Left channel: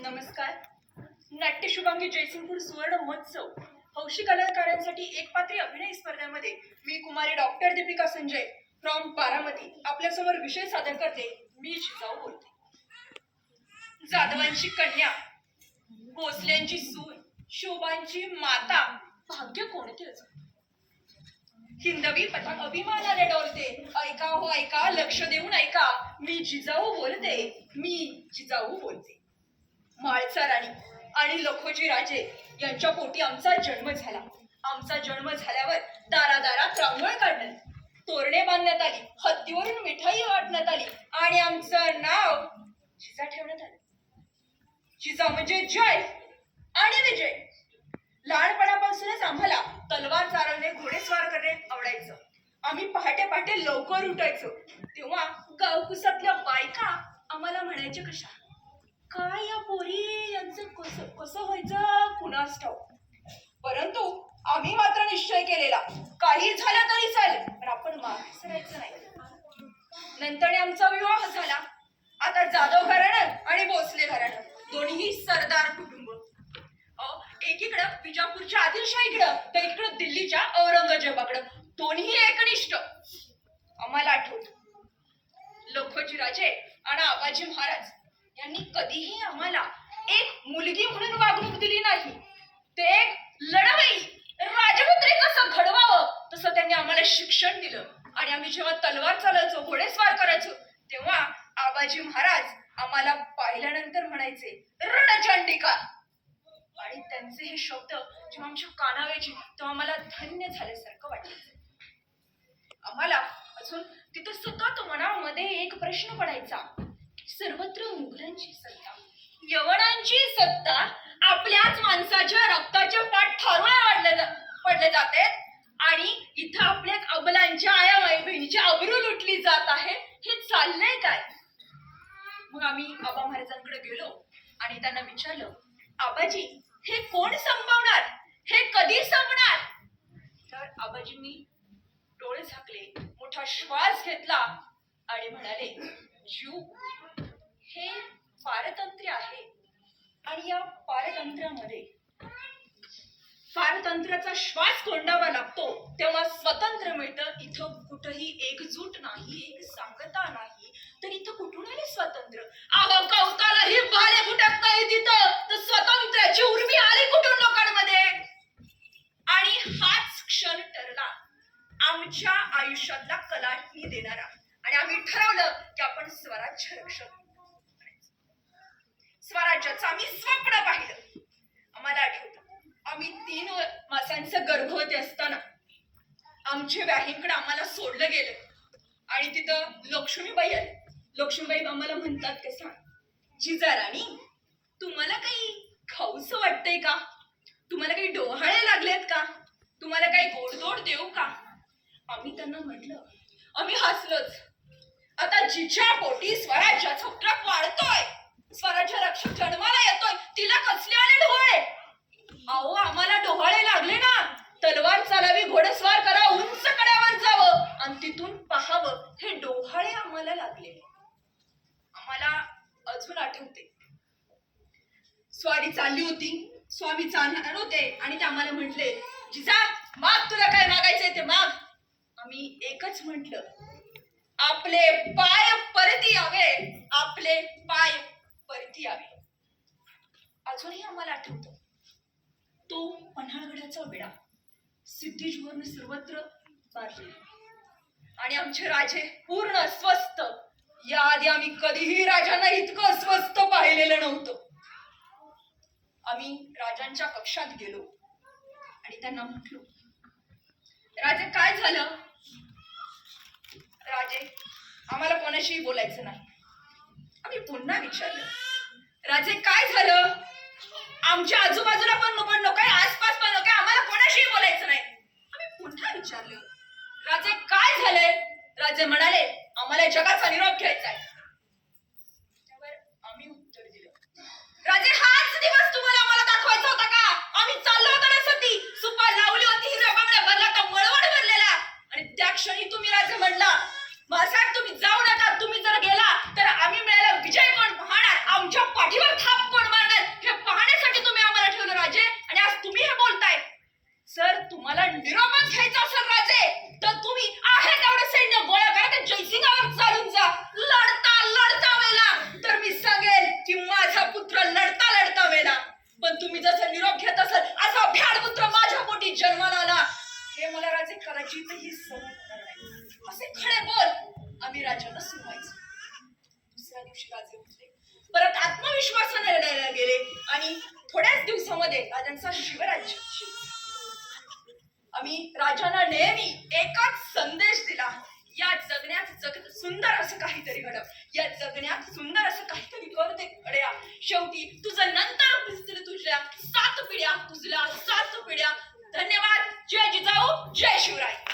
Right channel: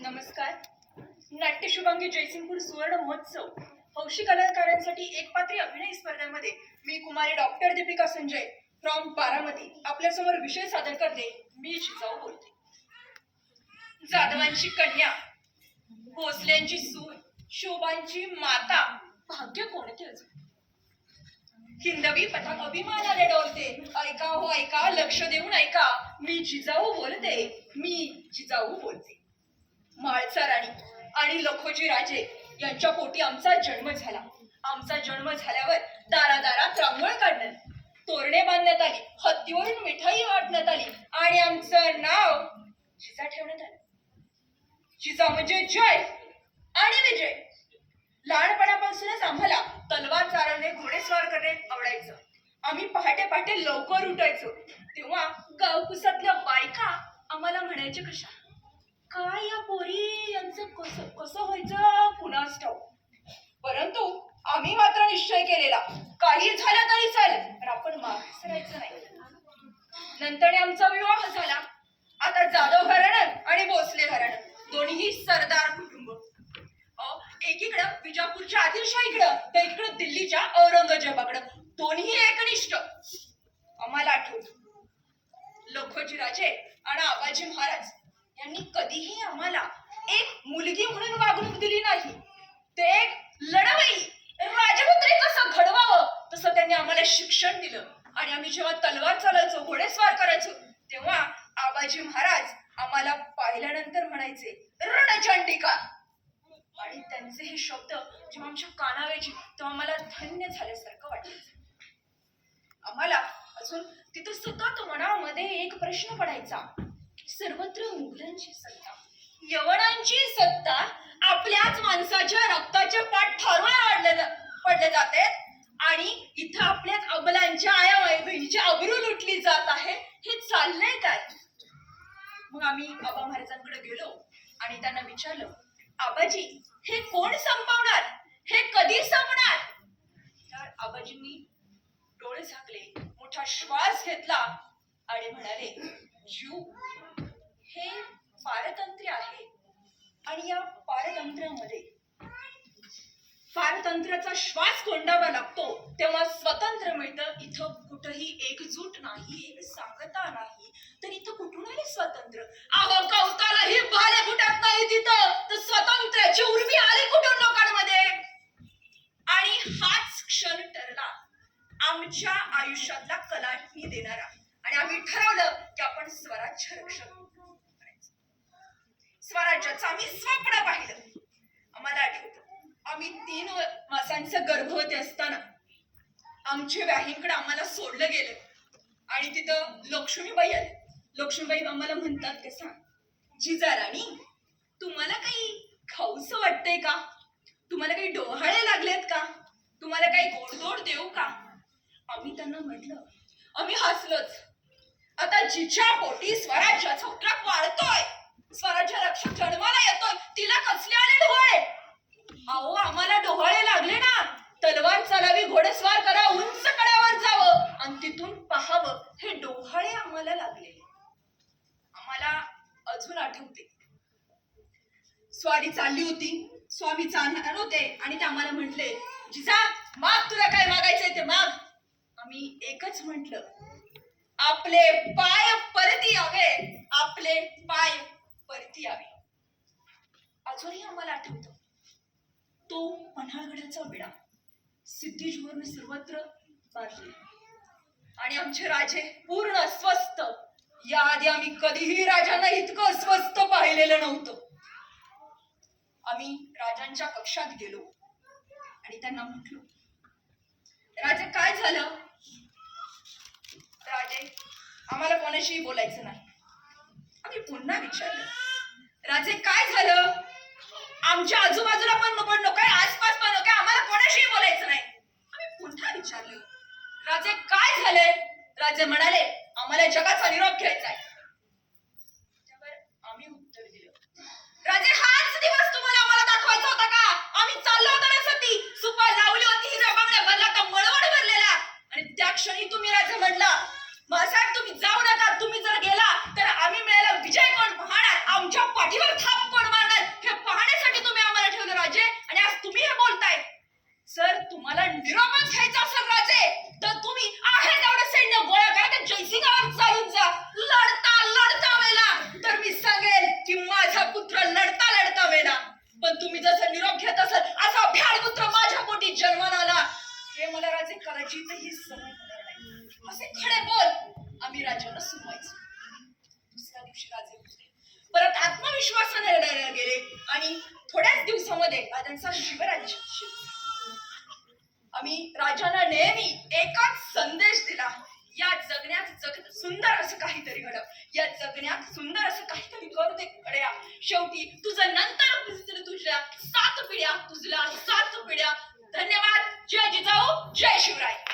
नमस्कार. नाट्य शुभांगी जयसिंगपूर सुवर्ण महोत्सव हौशी कलाकारांसाठी एकपात्री अभिनय स्पर्धेमध्ये मी कुमारी डॉक्टर दीपिका संजय फ्रॉम बारामती आपल्यासमोर विषय सादर करते. मी जिजाऊ बोलते. जाधवांची कन्या, भोसल्यांची सून, शोभांची माता, भाग्य कोणते अजून. हिंदवी पथक अभिमानाने डोलते. ऐका हो ऐका, लक्ष देऊन ऐका, मी जिजाऊ बोलते. मी जिजाऊ बोलते. माळचा राणी आणि लखोजी राजे यांच्या पोटी आमचा जन्म झाला. आमचा जन्म झाल्यावर दारादारात रांगोळ काढण्यात, तोरणे बांधण्यात आली, हत्तीवरून मिठाई वाटण्यात आली आणि आमचं नाव जिजा ठेवण्यात आलं. जिजा म्हणजे जय आणि विजय. लहानपणापासूनच आम्हाला तलवार चालवणे, घोडेस्वार करणे आवडायचं. आम्ही पहाटे पहाटे लवकर उठायचो. तेव्हा गावकुसातल्या बायका आम्हाला म्हणायचे, कशा काय या पोरी यांचं कसं व्हायचं कुणास ठाऊक. परंतु आम्ही मात्र निश्चय केलेला, काही झालं तरी चालेल पण आपण मागे सरायचं नाही. नंतर आमचा विवाह झाला. आता जाधव घराणं आणि भोसले घराणं दोन्ही सरदार कुटुंब. एकीकडं विजापूरच्या आदिलशाहीकडं तर इकडं दिल्लीच्या औरंगजेबाकडं, दोन्ही एकनिष्ठ. आम्हाला आठवत लखोजी राजे आणि आबाजी महाराज यांनी कधीही आम्हाला एक मुलगी म्हणून वागणूक दिली नाही. ते एक लढवई राजपुत्री कसं घडवावं तसं त्यांनी आम्हाला शिक्षण दिलं. आणि आम्ही जेव्हा तलवार चालायचो, घोडेस्वार करायचो, तेव्हा आबाजी महाराज आम्हाला पाहिल्यानंतर म्हणायचे, रणचंडिका. आणि त्यांचे हे शब्द जेव्हा आमच्या कानावायचे तेव्हा आम्हाला धन्य झाल्यासारखं वाटायचं. आम्हाला अजून तिथं सतत मनामध्ये एक प्रश्न पडायचा, सर्वत्र मुघलांची सत्ता, यवनांची सत्ता आपल्याच माणसाच्या रक्ताचे पाठ ठरवून पडले जाते आणि इथं आपल्याच अबलांच्या आया बहिणीची अब्रू लुटली जात आहे. हे चाललंय काय. मग आम्ही आबा महाराजांकडे गेलो आणि त्यांना विचारलं, आबाजी हे कोण संपवणार, हे कधी संपणार. तर आबाजींनी डोळे झाकले, मोठा श्वास घेतला आणि म्हणाले, हे पारतंत्र्य आहे आणि या पारतंत्र्याचा श्वास कोंडावा लागतो तेव्हा स्वतंत्र मिळतं. इथं कुठंही एकजूट नाही, एक सांगता नाही, तर इथं कुठून आले स्वातंत्र्य. अहो कौतालाही भाले फुटत नाही तिथं, तर स्वातंत्र्याची उर्मी आली कुठून लोकांमध्ये. आणि हाच क्षण ठरला आमच्या आयुष्यातला कलाटणी देणारा. आणि आम्ही ठरवलं की आपण स्वराज्य रक्षक करायचं. स्वराज्याचं आम्ही स्वप्न पाहिलं. आम्हाला आठवतं आम्ही 3 मासांचं गर्भवती असताना आमच्या व्याहींकडे आम्हाला सोडलं गेलं आणि तिथं लक्ष्मीबाई आली. लक्ष्मीबाई आम्हाला म्हणतात, कसा जिजा राणी, तुम्हाला काही खाऊसं वाटतंय का, तुम्हाला काही डोहाळे लागलेत का, तुम्हाला काही गोडधोड देऊ का. आम्ही त्यांना म्हटलं, आम्ही हसलोच. आता जिच्या पोटी स्वराज्याचा ट्रक वाढतोय, स्वराज्य रक्षक जन्माला येतोय, तिला कसले आले डोहाळे. अहो आम्हाला डोहाळे लागले ना, तलवार चालावी, घोडेस्वार करा, उंच कड्यावर जावं आणि तिथून पाहावं, हे डोहाळे आम्हाला लागले. आम्हाला अजून आठवते, स्वारी चालली होती, स्वामी चालणार होते आणि ते आम्हाला म्हटले, जिजा माग, तुला काय मागायचंय ते माग. आम्ही एकच म्हटलं, आपले पाय परती यावे, आपले पाय परती यावे. अजूनही आम्हाला आठवतं तो पन्हाळगडाचा विडा सिद्धीजवळून सर्वत्र बांधलेला आणि आमचे राजे पूर्ण अस्वस्थ. याआधी आम्ही कधीही राजांना इतकं अस्वस्थ पाहिलेलं नव्हतं. आम्ही राजांच्या कक्षात गेलो आणि त्यांना म्हटलो, राजे काय झालं. राजे आम्हाला कोणाशीही बोलायचं नाही. आम्ही पुन्हा विचारलं, राजे काय झालं. आमच्या आजूबाजूला पण नको, आसपास पण नको, आम्हाला कोणाशीही बोलायचं नाही. आम्ही पुन्हा विचारलं, राजे काय झालंय. राजे म्हणाले, आम्हाला जगाचा निरोप घ्यायचा आहे. त्यावर आम्ही उत्तर दिलं, राजे हाच दिवस तुम्हाला आम्हाला दाखवायचा होता का. आम्ही चाललो होतो ना सती, सुपा लावली होती, हिरा बांगड्या भरला का मळवट भरलेला, आणि त्या क्षणी तुम्ही राजे म्हणला, महासाहेब तुम्ही जाऊ नका, तुम्ही जर गेला तर आम्ही मिळायला विजय कोण पाहणार, आमच्या पाठीवर थाप कोण मारणार. महाराजांचा शिवराज्य. आम्ही राजाला नेहमी एकच संदेश दिला, या जगण्यात जग सुंदर असं काहीतरी घड, या जगण्यात सुंदर असं काहीतरी कर ते घड्या. शेवटी तुझं नंतर पुजतील तुझ्या 7 पिढ्या, तुझल्या 7 पिढ्या. धन्यवाद. जय जिजाऊ, जय शिवराय.